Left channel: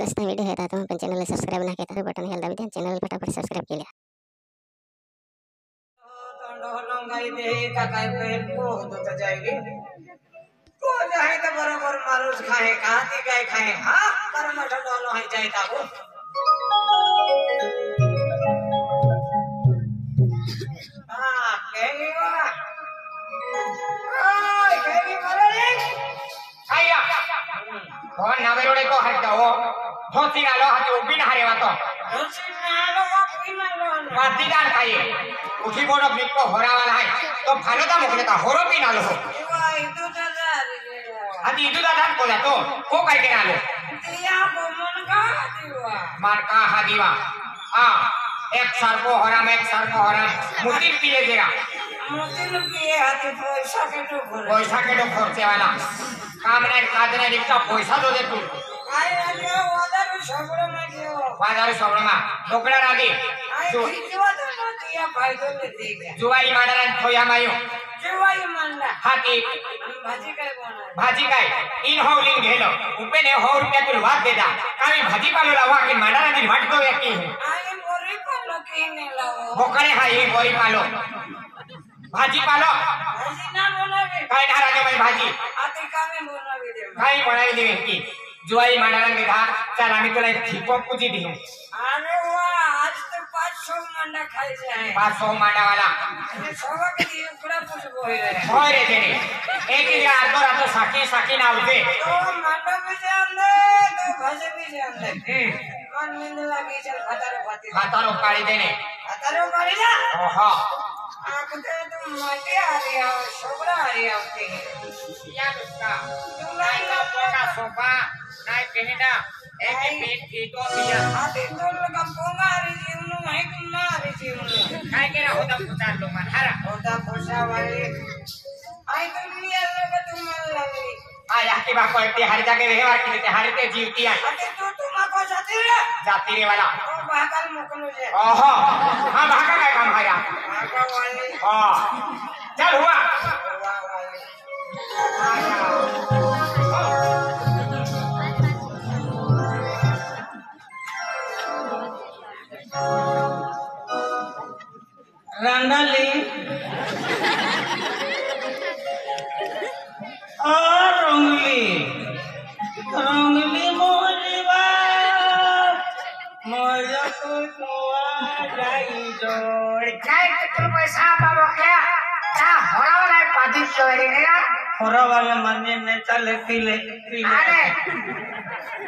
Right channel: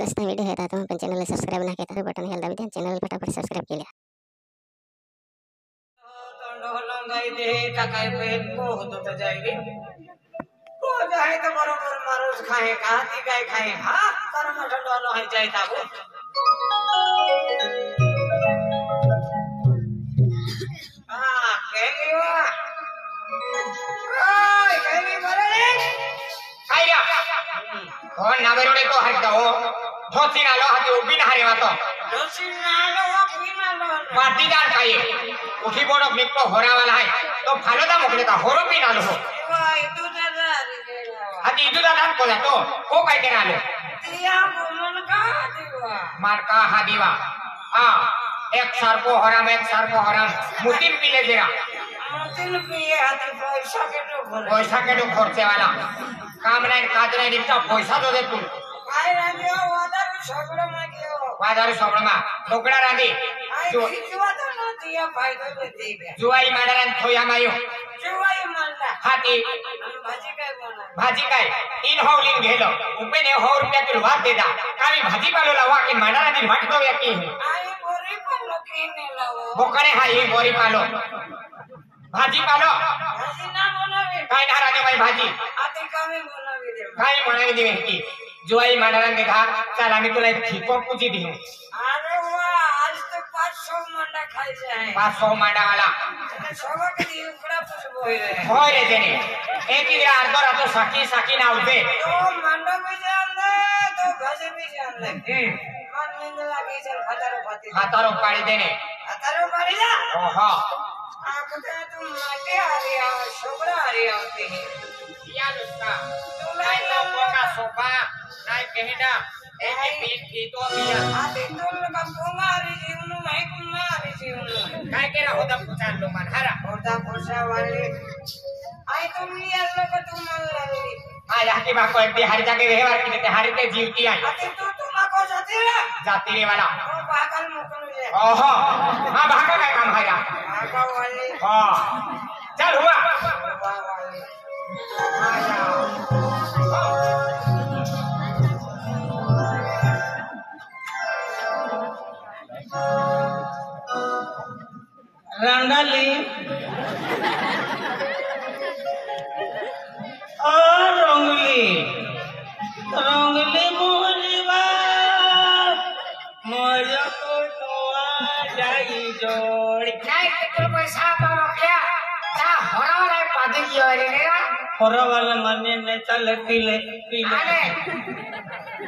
नसता व्हिडिओ आहे आता पण चॅनलला सबस्क्राइब नाही केलं तर बटन हेल दाबी द्या चॅनल फटाफट सबस्क्राइब केल्या लंगाई दे काकाई पेट को होतो तो जाएगी को जाए तो बरोबर मारोज खाए कहां ती गाय खाए हां पर मठन वालो है जाए ताबो हां केंगी वा ओए केंगी मारो रे आया हो नवेरोडे तो हट जाओ धोती नालो हाती उभी ना हरे वातो धोती नालो उभी नालो पाटी दान खाई उठी बोर्ड अपने को होरा वाला है तो भालो दा मोकले का होरो भी नालो वा इदु दादा हाती इदु दादा कोला तो को काय के नालो दिया बोमन का दिवा मार का हादीवा हां एक सार को होरा में एक सार को होरा मुतिन पीले जरा मुतिन पिए हाती पैसा के तो खर्चे वाला काम नहीं काज नहीं रिक्शा पैसा दो दे तू काय रांदियो वादारू सगळं मागियो वादारू सगळं मा ढोकळा रांदी जो किवा तो दिया फायदो ले दे जुवाई माडला थोया मायो जुवाई मानला हाती भाजी काय बनणार भाजी काय इन हो इन घेलो उपे ने 100 रुपया तुला वाद देता काय भाजी पालो लावा की माडला नी वाट दो व्यक्ती आय बोरी पालो की ने लावो बोकणे हा ही बोरी पालो भाजी पालो भाजी ना बनावे काय ना राजा भाई भाजी आते कामे बनावी दे काय बनावी दे की जुवाई माडाला निघा चल आम्ही तुला एक ठिको पूजी देऊ अरे वाह आज तो 500 मंडा खायचे आहे 500 मांडा वाला सवा कधी उकडा पुसबो होय रे देने एक ही अर्धो रातो साकी नावते तो मंडा भी जानले तो भाजी भी जानले मन नींद लागी चल खातारो पाड़ी देने खातारो पाड़ी जा ओहो आखते तुम माटे आ रही हो छोकरा आ रही होती है या लुस्का तुला का सोफा नाय कहिना एक तो दिया आते तो लगा पोंगारी जीवनु नहीं कुमारी जीवनु काय केरा होता पुचार लो मन हरा होता पोसा वाले आई तुम लिया लोग तुम लागली आज आके बाको एक हर जगह व्यवहार की देते हर ते जीवती है आते तो तुमको जाती रे वाला ओ भागल मुकलू जे ओहो हां भागा काय काम है यार भागा वाली हां चल हुआ वाली आया रंडाली रंगली बोलवा मोया को जाई जोड़ काय तो पैसा पावो क्या ता होरा वाला पादी दियो रे होरा वाला माने ने चले पीले अरे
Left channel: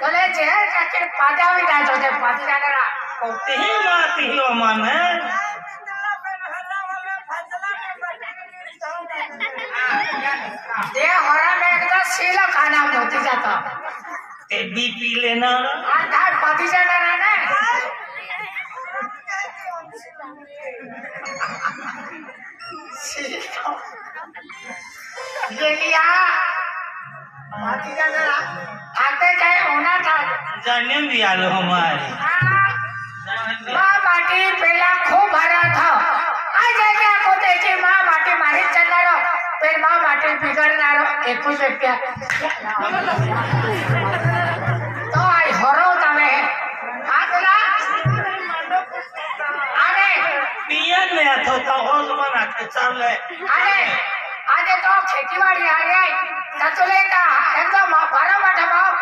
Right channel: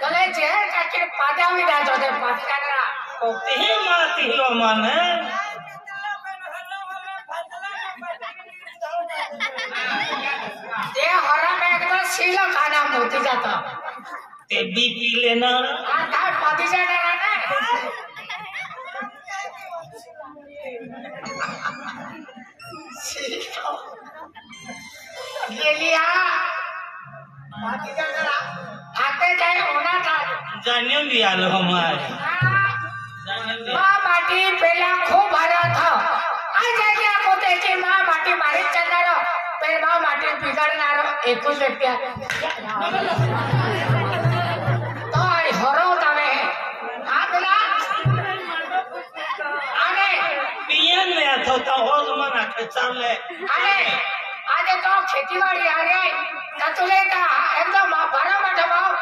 कले जे काके पादा भी ना जोते पादी जाना कोती ही माती ही माने ते होरा में एकदा सीला खाना मोती जाता ते बीपी लेना आधा पादी जाना ना ये लिया पादी जाना आते जाए होना था जाने भी आलो हमारे माँ बाटी पहला खूब भरा था आज क्या होते कि माँ बाटी मारी चलारो फिर माँ बाटी बिगड़नारो एक कुछ व्यक्ति तो आई हरो तमे हाँ बोला आने पियन ले तो होश मना के चले आने आजे तो खेतीबाड़ी आ रही है ततुले का एकदम बारो बैठे बाप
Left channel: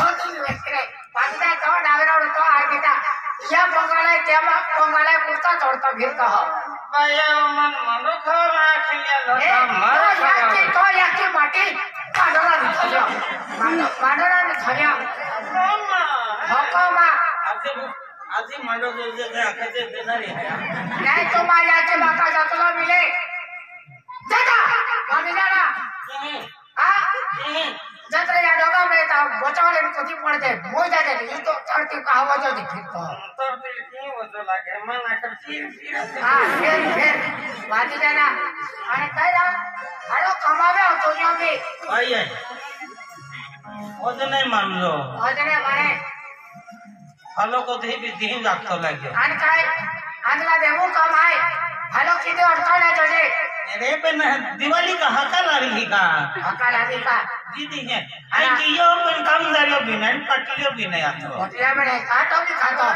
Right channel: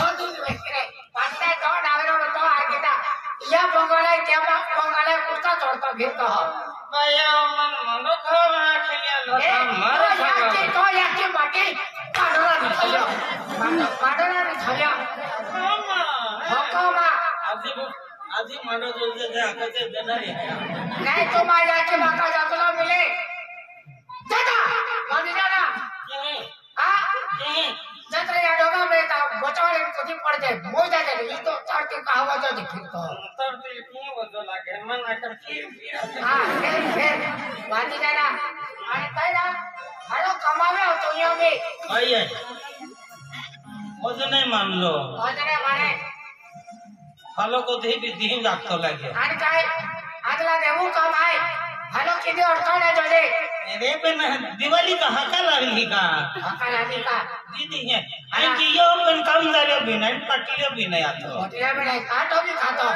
होती व्यक्ति पांचटा तो नागरोड तो आगे था यह बंगाले क्या बंगाले कुत्ता तोड़ता फिरता हो भैया मन मनो खो ना खिया लो याकी बाटी काडोरा निथया मामा आजी मंडो जे आकाचे देणारी है नाही तो मा याकी बाका जातला मिले दादा माने दादा हां जत्रे या डोगा में ता बचावले कधी पडते मोय जाते ई तो चढती का आवाज होती फिरतो चढती की वजो लागे मन आकर फिर हां फिर बाजी दादा आणि काय रा हाडो कमावे होतो यो मी आई ओज नाही मानलो ओज नाही माने हलो को धी जागतो लागे आणि काय आजला देऊ कमाय हेलो किती अडचण आहे तुझे अरे पण दिवाळी का हाका लागली का हकाल आली का दीदी है आणि यो पण कामदार भी नाही पाटील भी नाही आता होटल में खातो की खातो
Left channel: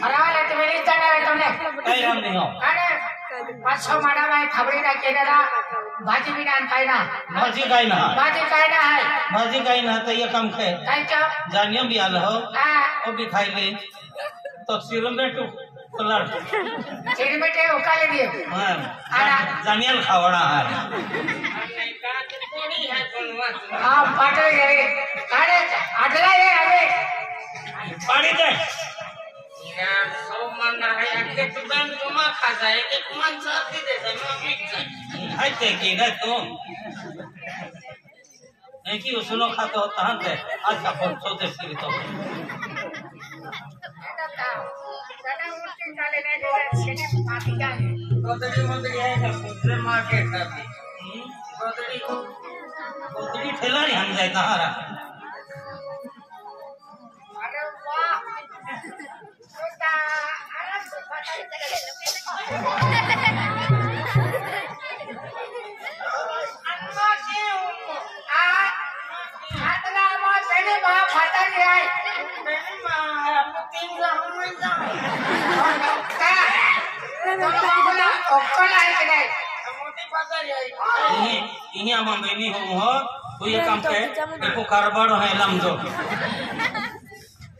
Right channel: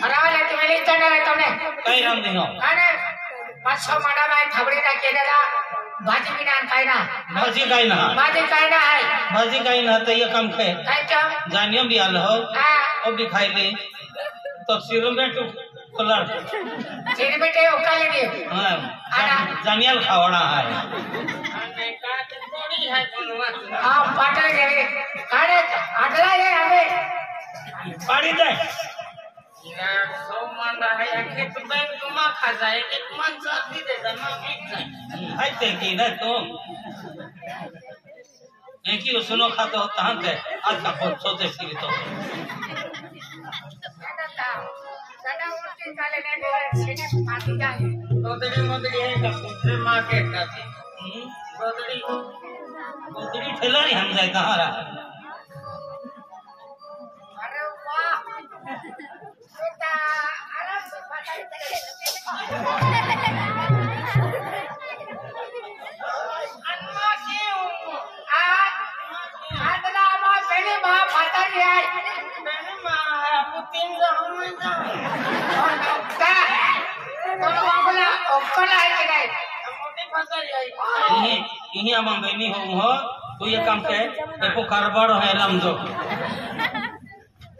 फरावाला तुम्ही लिहिता नाही तुम्ही काही राम नाही हो अरे 500 माडा बाय थाबडी ना केलेला भाजी बिना काय ना भाजी काय ना भाजी काय ना आहे भाजी काय ना तर ये काम खाय काय का जानियो भी आल हो हां ओ भी खाई ले तो सिरो में तो कलर चिनी बेटे उकाले दिए हां जानियल खावड़ा है हां पाटल गेले अरे आटला ये हमें पाड़ी दे यार सो मन है आखिर तो बैंक जमा खा जाए एक मन साथी दे जमा बिक जाए हाय ते की ना तुम एक ही सुनो खाते हो तहां ते आज का फोन सोते सिरी तो दादा उल्टी चाले नहीं दे छेड़ी पाती जाए गोदड़ी है का पुत्र मां के ताती गोदड़ी ठेला नहीं हम जाए कहां रहा अरे वाह बेटा आराम से पता नहीं चले अन्ना क्यों आ आदला मां पहले मां पता नहीं आई पहले मां आपको 3 जरूर मिल जाए का तो बाबला ओकल है कि नहीं मोटी पता नहीं आई ini amang beni ho tu ye kam ke eko karbar hai lam jo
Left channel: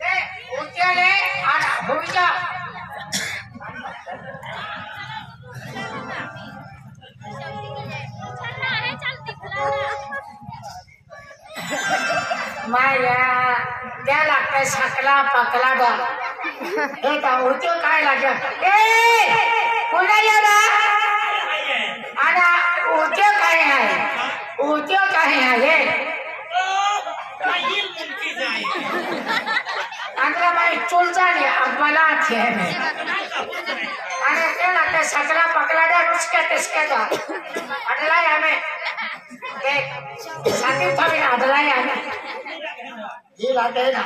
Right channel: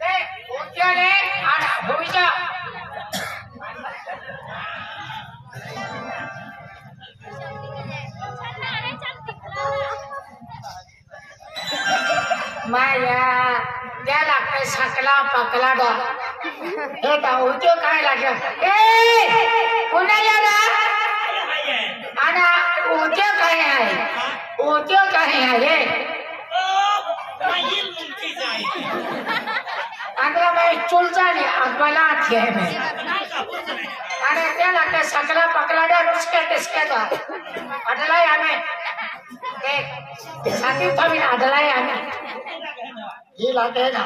ले उठे ले आना भूजा मैं यार क्या लगता है सकला पकला डो ये तो उठो काय लगे ए पुन्हा या ना आना उठो काय है उठो काय है ये ये मुंकी जाए अगर मैं चुलचा नहीं अगला थे अरे क्या लगता है सकला पकला डो टिसके तो अडला या में के साथी तो भी अडला या में ये लाते ना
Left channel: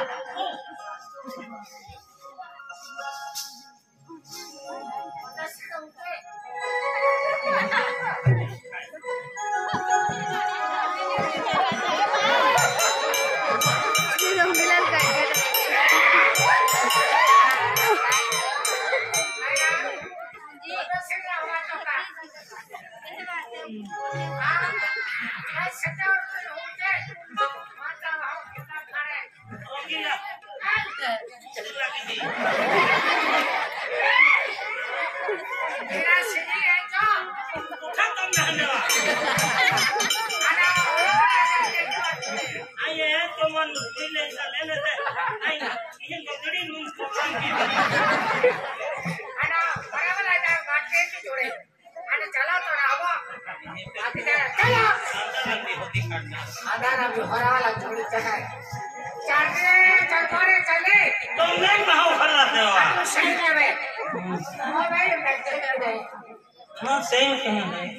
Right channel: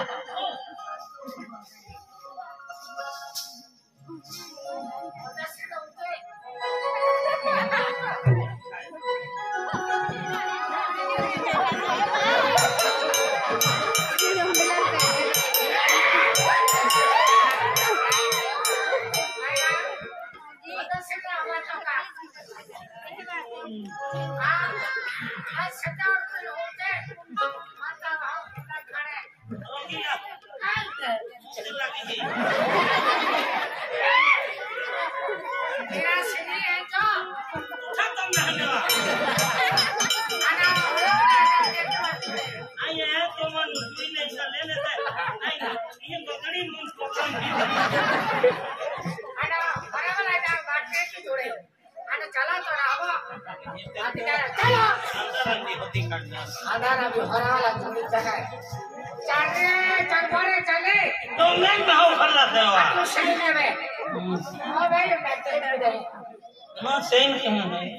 आधार अभी भरा वाला चले चले तो नहीं भाव कर रहा था तो सही में मोबाइल में चले गए हां सेम कहीं नहीं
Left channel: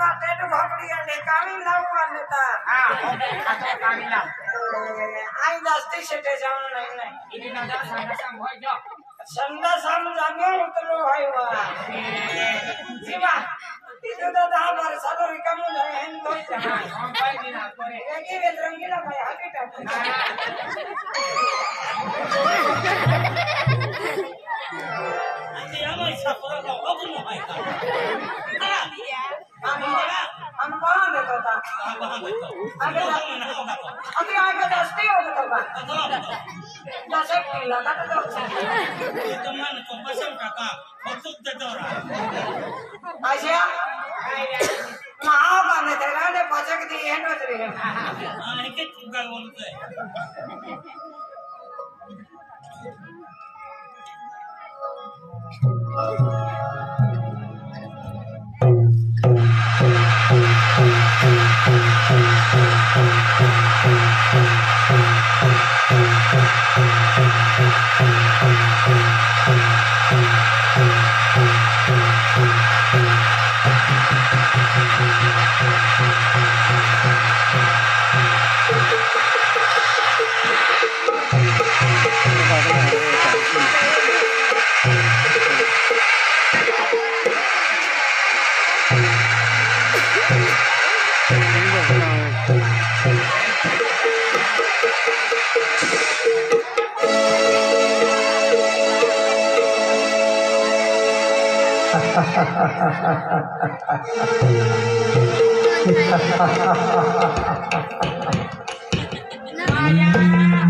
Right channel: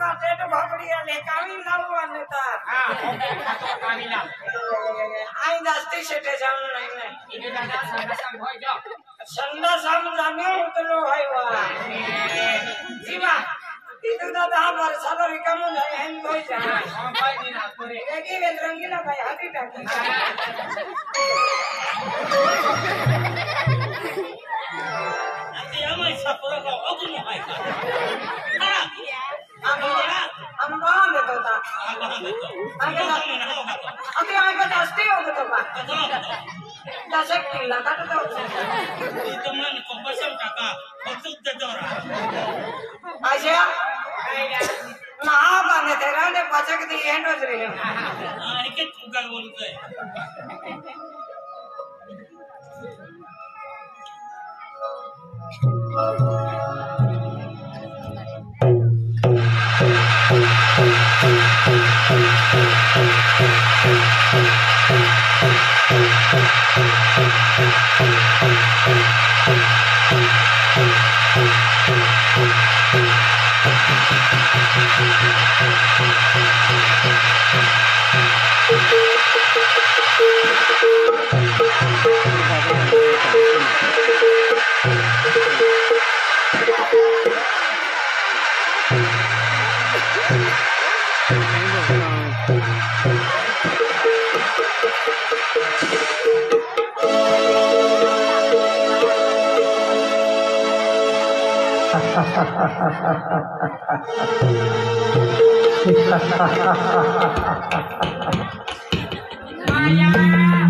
वाटे तो भाकरी आले कामी लावू आले तर हा खातो कामी लाव आई जास्ती शेटे जाऊन नाही नाही इथे दादा संडासाम होय जा संडा साम जागे उतरलो हाय वा जीवा तिथं तर 10 वर्षाला रिकामं झाले हेन होय जा हम काय दिना करे एकी वेल रंगीला बाई हाती टाकली Nanti amai sapura kau aku mau hai kan. Amba देतो ता Apa hang betul? Aku mau nak kau kata. अभी आए का जास्ती हो गतो बा Kau betul. दशक किल्ला का तो Teman kau pasang kakak, kau tuh jadora. आशा नहा बने तेरा ने पचक दी है नजर है Ah, ini juga boleh tu.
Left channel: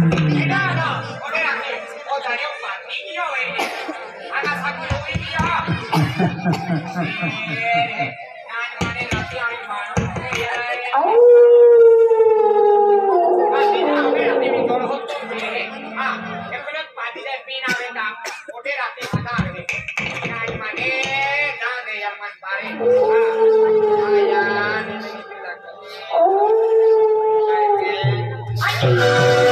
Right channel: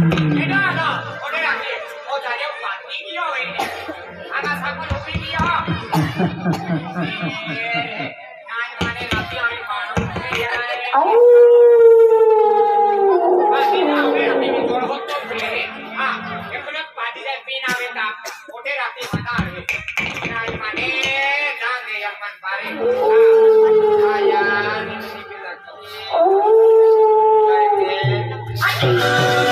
Ode lagi. Oh, jadi mati dia ini. Anak saku lebih dia. Nanya mana nanti hari mana? Mati apa ya? Ini kalau hotel beri. Ah, yang kena mati dan pina benda. Ode rati mana hari? Nanya mana? Jangan deh yang man pare. Ah, ayah ini lagi. Ayo.